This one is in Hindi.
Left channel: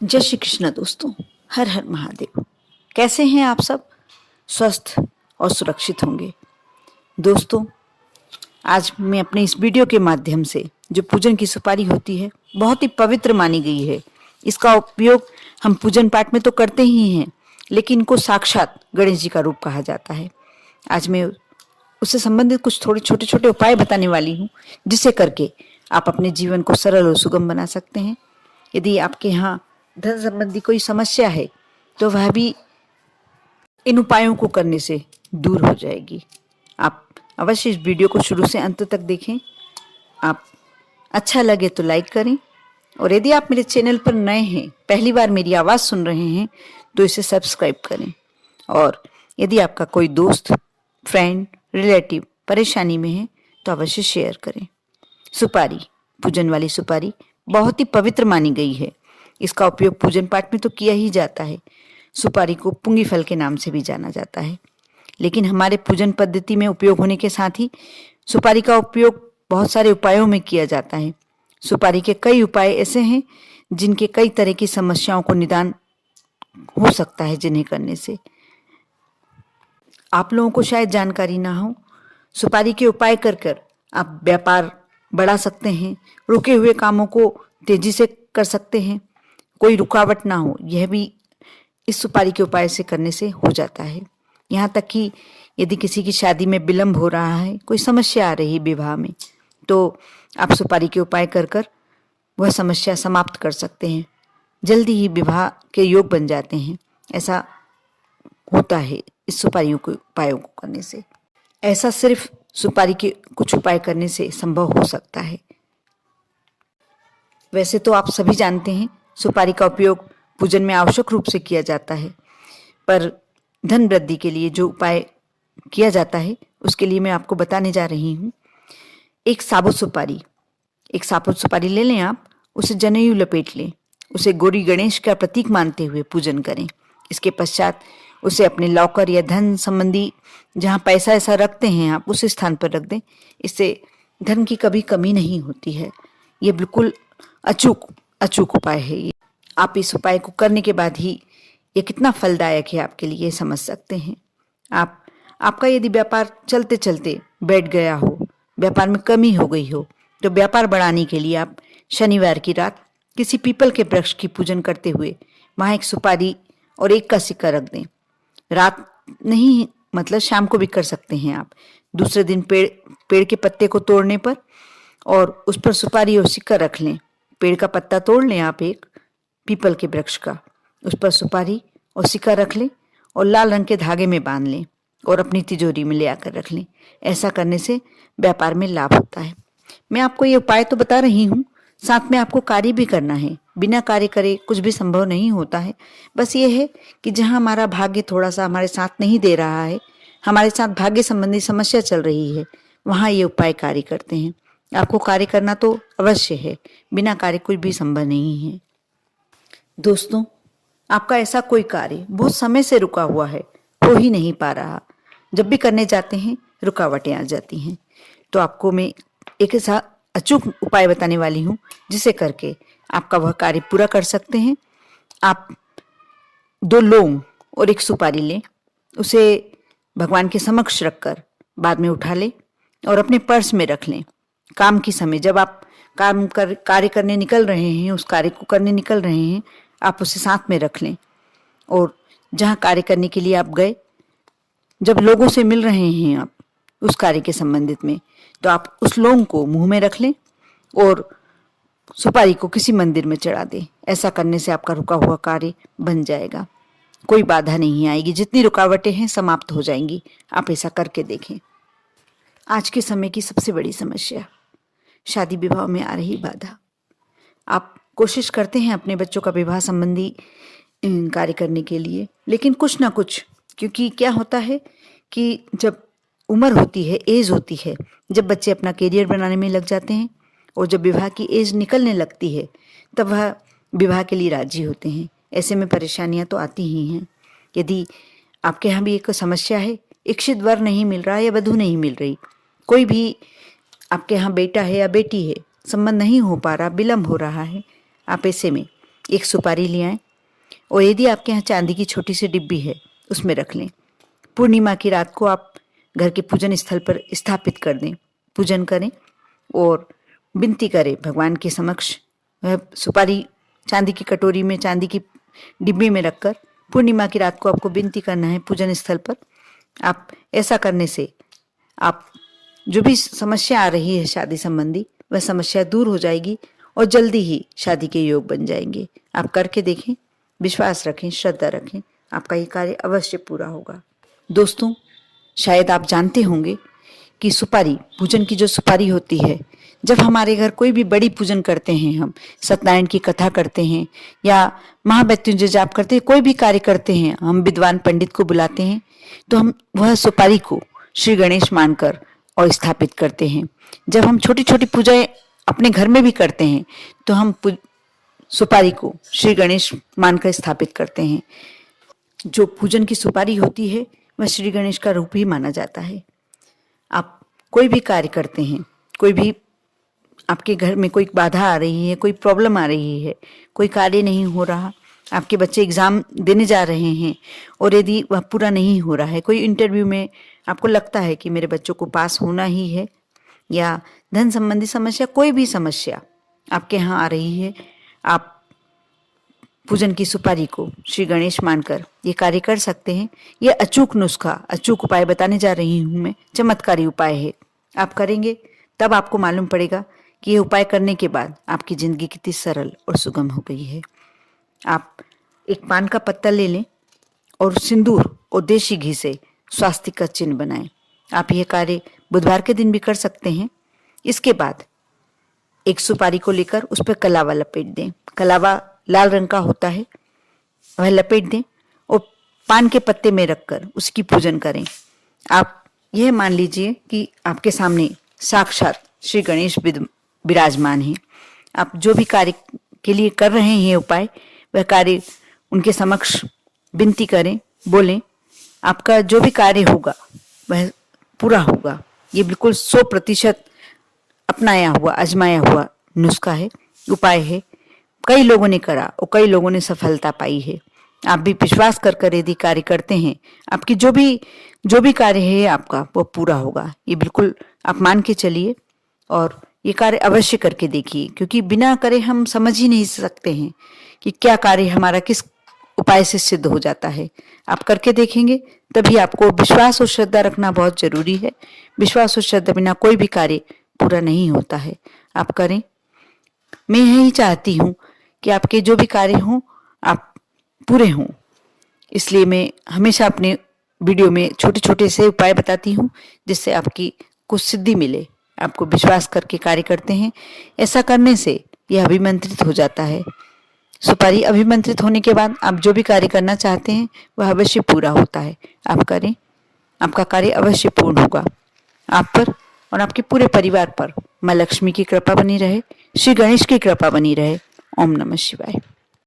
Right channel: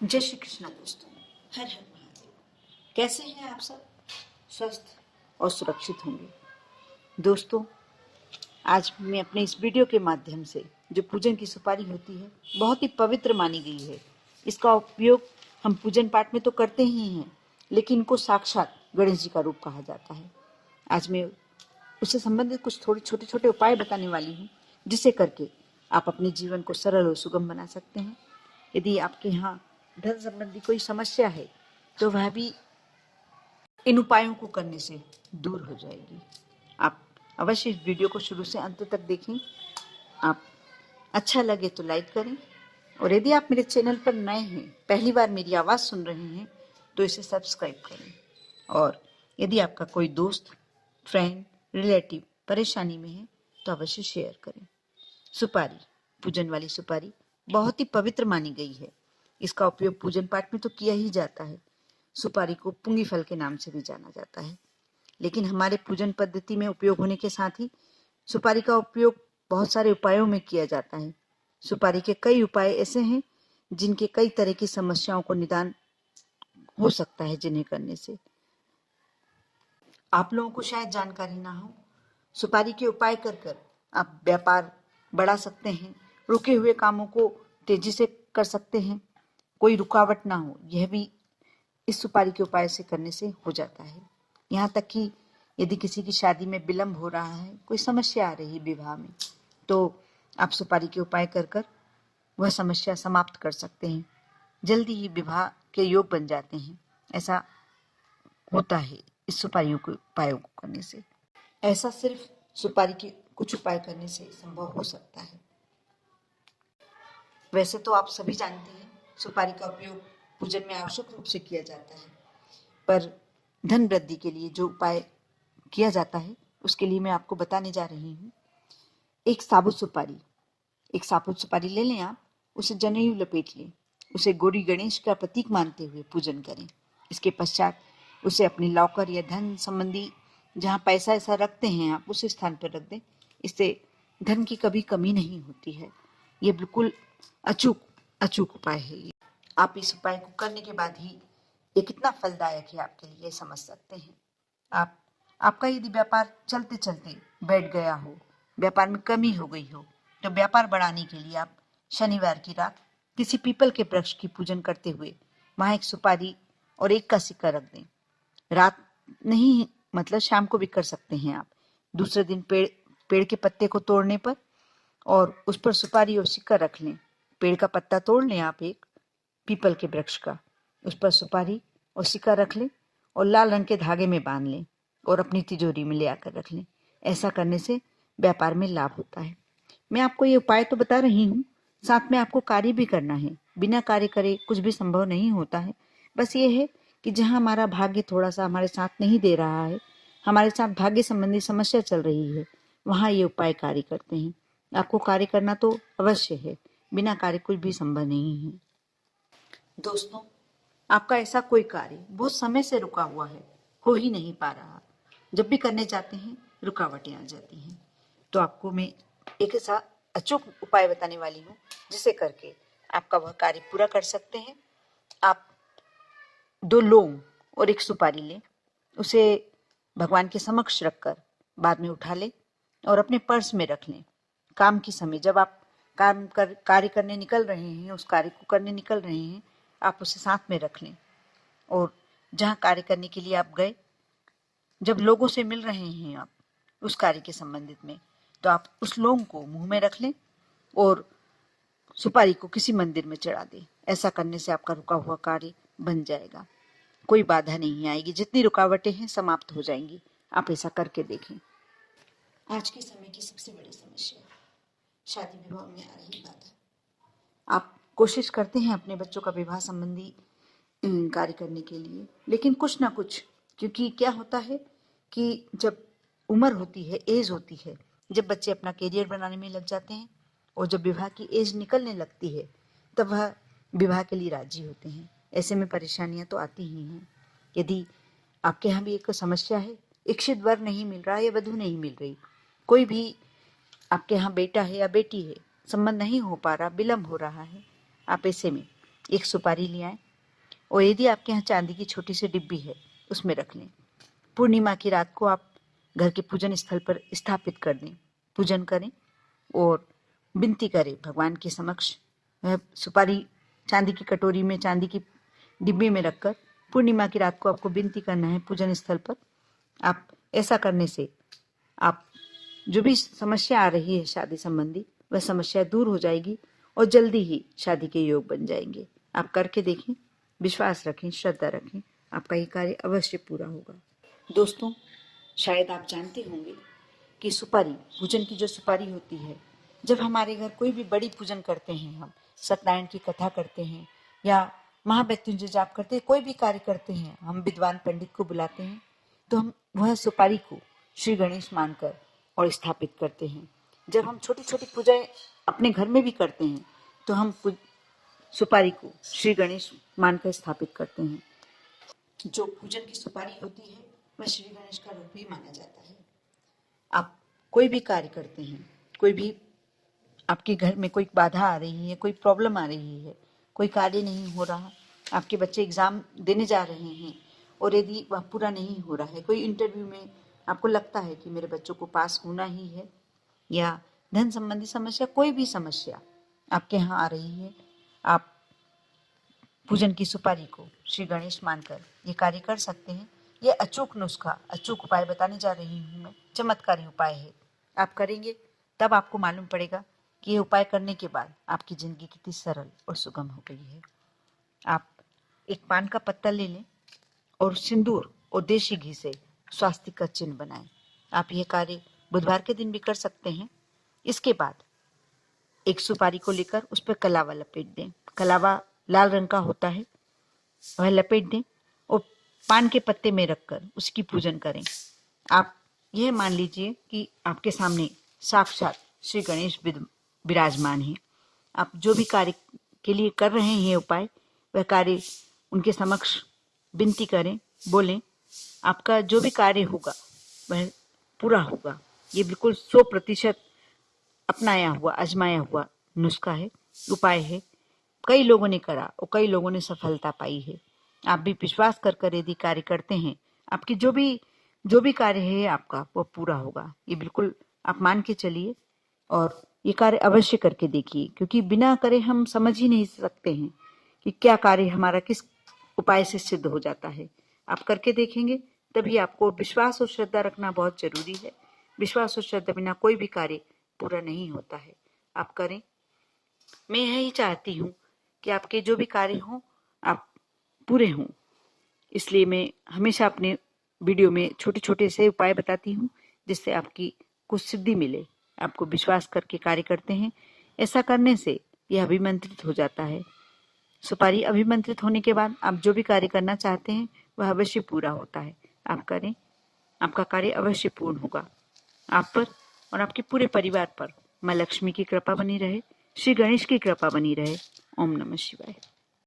जय श्री कृष्ण दोस्तों। हर हर महादेव। कैसे हैं आप सब? स्वस्थ और सुरक्षित होंगे। दोस्तों, आज मैं अपने इस वीडियो के माध्यम से जो पूजन की सुपारी होती है बहुत ही पवित्र मानी गई है। इसका उपयोग हम पूजन पाठ में तो करते ही हैं, लेकिन इनको साक्षात गणेश जी का रूप कहा जाता है। आज मैं उससे संबंधित कुछ थोड़े छोटे छोटे उपाय बताने वाली हूँ, जिसे करके आप अपने जीवन को सरल और सुगम बना सकते हैं। यदि आपके यहाँ धन संबंधी कोई समस्या है तो वह भी इन उपायों को करने से दूर हो जाएगी। आप अवश्य इस वीडियो को शुरू से अंत तक देखें। आप अच्छा लगे तो लाइक करें, और यदि आप मेरे चैनल पर नए हैं, पहली बार मेरी आवाज़ सुन रहे हैं, तो इसे सब्सक्राइब करें। और यदि आपका कोई दोस्त, फ्रेंड, रिलेटिव परेशानी में है तो अवश्य शेयर करें। सुपारी, पूजन वाली सुपारी बहुत ही पवित्र मानी गई है। इसका उपयोग पूजन पाठ में तो किया ही जाता है। सुपारी को पुंगी फल के नाम से भी जाना जाता है, लेकिन हमारे पूजन पद्धति में उपयोग होने के साथ ही सुपारी का उपयोग बहुत सारे उपायों में किया जाता है। सुपारी के कई उपाय ऐसे हैं जिनके कई तरह की समस्याओं को निदान हो सकता है, जिन्हें करने से आप लोगों को शायद जानकारी ना हो। सुपारी के उपाय कर कर आप व्यापार बढ़ा सकते हैं, रुके हुए कामों को तेजी से कर सकते हैं, कोई रुकावट ना हो, यह भी इस सुपारी के उपाय से करने से हो जाता है। यहाँ तक कि यदि किसी की शादी में विलंब हो रहा है, कोई समस्या आ रही है विवाह में, तो आप सुपारी के उपाय कर कर वह समस्या समाप्त कर सकते हैं। जल्दी ही विवाह के योग बन जाते हैं। ऐसा होता है इस सुपारियों के उपायों को करने से। ऐसा सिर्फ सुपारी के कुछ उपाय करने से संभव हो सकता है। वैसे तो आप सभी जानते हैं सुपारी का उपयोग पूजन में आवश्यक रूप से किया जाता है, पर धन वृद्धि के लिए जो उपाय किया जाता है उसके लिए मैं आपको बताने जा रही हूँ। एक साबुत सुपारी ले लें आप, उसे जनेऊ लपेट लें, उसे गौरी गणेश का प्रतीक मानते हुए पूजन करें। इसके पश्चात उसे अपने लॉकर या धन संबंधी जहाँ पैसा ऐसा रखते हैं आप, उस स्थान पर रख दें। इससे धन की कभी कमी नहीं होती है। ये बिल्कुल अचूक उपाय है ये। आप इस उपाय को करने के बाद ही ये कितना फलदायक है आपके लिए समझ सकते हैं। आपका यदि व्यापार चलते चलते बैठ गया हो, व्यापार में कमी हो गई हो, तो व्यापार बढ़ाने के लिए आप शनिवार की रात किसी पीपल के वृक्ष की पूजन करते हुए वहाँ एक सुपारी और एक का सिक्का रख दें। रात नहीं, मतलब शाम को भी कर सकते हैं आप। दूसरे दिन पेड़ के पत्ते को तोड़ने पर और उस पर सुपारी और सिक्का रख लें। पेड़ का पत्ता तोड़ लें आप, एक पीपल के वृक्ष का, उस पर सुपारी और सिक्का रख लें और लाल रंग के धागे में बांध लें और अपनी तिजोरी में ले आकर रख लें। ऐसा करने से व्यापार में लाभ होता है। मैं आपको ये उपाय तो बता रही हूँ, साथ में आपको कार्य भी करना है। बिना कार्य करे कुछ भी संभव नहीं होता है। बस ये है कि जहाँ हमारा भाग्य थोड़ा सा हमारे साथ नहीं दे रहा है, हमारे साथ भाग्य संबंधी समस्या चल रही है, वहाँ ये उपाय कार्य करते हैं। आपको कार्य करना तो अवश्य है, बिना कार्य कुछ भी संभव नहीं है। दोस्तों, आपका ऐसा कोई कार्य बहुत समय से रुका हुआ है, हो ही नहीं पा रहा, जब भी करने जाते हैं रुकावटें आ जाती हैं, तो आपको मैं एक ऐसा अचूक उपाय बताने वाली हूँ जिसे करके आपका वह कार्य पूरा कर सकते हैं। आप 2 लौंग और एक सुपारी लें, उसे भगवान के समक्ष रखकर बाद में उठा लें और अपने पर्स में रख लें। काम के समय जब आप कार्य करने निकल रहे हैं, उस कार्य को करने निकल रहे हैं, आप उसे साथ में रख लें। और जहाँ कार्य करने के लिए आप गए, जब लोगों से मिल रहे हैं आप उस कार्य के संबंधित में, तो आप उस लौंग को मुंह में रख लें और सुपारी को किसी मंदिर में चढ़ा दें। ऐसा करने से आपका रुका हुआ कार्य बन जाएगा, कोई बाधा नहीं आएगी, जितनी रुकावटें हैं समाप्त हो जाएंगी। आप ऐसा करके देखें। आज के समय की सबसे बड़ी समस्या शादी विवाह में आ रही बाधा। आप कोशिश करते हैं अपने बच्चों का विवाह संबंधी कार्य करने के लिए, लेकिन कुछ ना कुछ, क्योंकि क्या होता है कि जब उम्र होती है, एज होती है, जब बच्चे अपना करियर बनाने में लग जाते हैं और जब विवाह की एज निकलने लगती है, तब वह विवाह के लिए राजी होते हैं। ऐसे में परेशानियां तो आती ही हैं। यदि आपके यहाँ भी एक समस्या है, इच्छित वर नहीं मिल रहा या वधू नहीं मिल रही, कोई भी आपके यहाँ बेटा है या बेटी है, संबंध नहीं हो पा रहा, विलम्ब हो रहा है, आप ऐसे में एक सुपारी ले आएं और यदि आपके यहाँ चांदी की छोटी सी डिब्बी है उसमें रख लें। पूर्णिमा की रात को आप घर के पूजन स्थल पर स्थापित कर दें, पूजन करें और विनती करें भगवान के समक्ष। वह सुपारी चांदी की कटोरी में, चांदी की डिब्बी में रखकर पूर्णिमा की रात को आपको विनती करना है पूजन स्थल पर। आप ऐसा करने से आप जो भी समस्या आ रही है शादी संबंधी, वह समस्या दूर हो जाएगी और जल्दी ही शादी के योग बन जाएंगे। आप करके देखें, विश्वास रखें, श्रद्धा रखें, आपका ये कार्य अवश्य पूरा होगा। दोस्तों, शायद आप जानते होंगे कि सुपारी, पूजन की जो सुपारी होती है, जब हमारे घर कोई भी बड़ी पूजन करते हैं, हम सत्यनारायण की कथा करते हैं या महामृत्युंजय जाप करते हैं, कोई भी कार्य करते हैं, हम विद्वान पंडित को बुलाते हैं, तो हम वह सुपारी को श्री गणेश मानकर और स्थापित करते हैं। जब हम छोटी छोटी पूजाएं अपने घर में भी करते हैं तो हम सुपारी को श्री गणेश मानकर स्थापित करते हैं। जो पूजन की सुपारी होती है वह श्री गणेश का रूप ही माना जाता है। आप कोई भी कार्य करते हैं, कोई भी आपके घर में कोई बाधा आ रही है, कोई प्रॉब्लम आ रही है, कोई कार्य नहीं हो रहा, आपके बच्चे एग्जाम देने जा रहे हैं और यदि वह पूरा नहीं हो रहा है, कोई इंटरव्यू में आपको लगता है कि मेरे बच्चों को पास होना ही है, या धन संबंधी समस्या, कोई भी समस्या आपके यहाँ आ रही है, आप पूजन की सुपारी को श्री गणेश मानकर ये कार्य कर सकते हैं। ये अचूक नुस्खा, अचूक उपाय बताने जा रही हूँ मैं, चमत्कारी उपाय है। आप करेंगे तब आपको मालूम पड़ेगा कि ये उपाय करने के बाद आपकी ज़िंदगी कितनी सरल और सुगम हो गई है। आप एक पान का पत्ता ले लें और सिंदूर और देशी घी से स्वास्तिक का चिन्ह बनाएं। आप यह कार्य बुधवार के दिन भी कर सकते हैं। इसके बाद एक सुपारी को लेकर उस पर कलावा लपेट दें। कलावा लाल रंग का होता है, वह लपेट दें और पान के पत्ते में रखकर उसकी पूजन करें। आप यह मान लीजिए कि आपके सामने साक्षात श्री गणेश विराजमान हैं। आप जो भी कार्य के लिए कर रहे हैं उपाय, वह कार्य उनके समक्ष विनती करें, बोलें, आपका जो भी कार्य होगा वह पूरा होगा। ये बिल्कुल 100% अपनाया हुआ, आजमाया हुआ नुस्खा है, उपाय है। कई लोगों ने करा और कई लोगों ने सफलता पाई है। आप भी विश्वास कर यदि कार्य करते हैं, आपकी जो भी कार्य है आपका वो पूरा होगा। ये बिल्कुल आप मान के चलिए और ये कार्य अवश्य करके देखिए, क्योंकि बिना करे हम समझ ही नहीं सकते हैं कि क्या कार्य हमारा किस उपाय से सिद्ध हो जाता है। आप करके देखेंगे तभी आपको विश्वास और श्रद्धा रखना बहुत जरूरी है। विश्वास और श्रद्धा बिना कोई भी कार्य पूरा नहीं होता है। आप करें। मैं यही चाहती हूँ कि आपके जो भी कार्य हों आप पूरे हों, इसलिए मैं हमेशा अपने वीडियो में छोटे छोटे से उपाय बताती हूँ जिससे आपकी कुछ सिद्धि मिले। आपको विश्वास करके कार्य करते हैं, ऐसा करने से यह अभिमंत्रित हो जाता है। सुपारी अभिमंत्रित होने के बाद आप जो भी कार्य करना चाहते हैं वह अवश्य पूरा होता है। आप करें, आपका कार्य अवश्य पूर्ण होगा। आप पर और आपके पूरे परिवार पर माँ लक्ष्मी की कृपा बनी रहे, श्री गणेश की कृपा बनी रहे। ओम नमः शिवाय।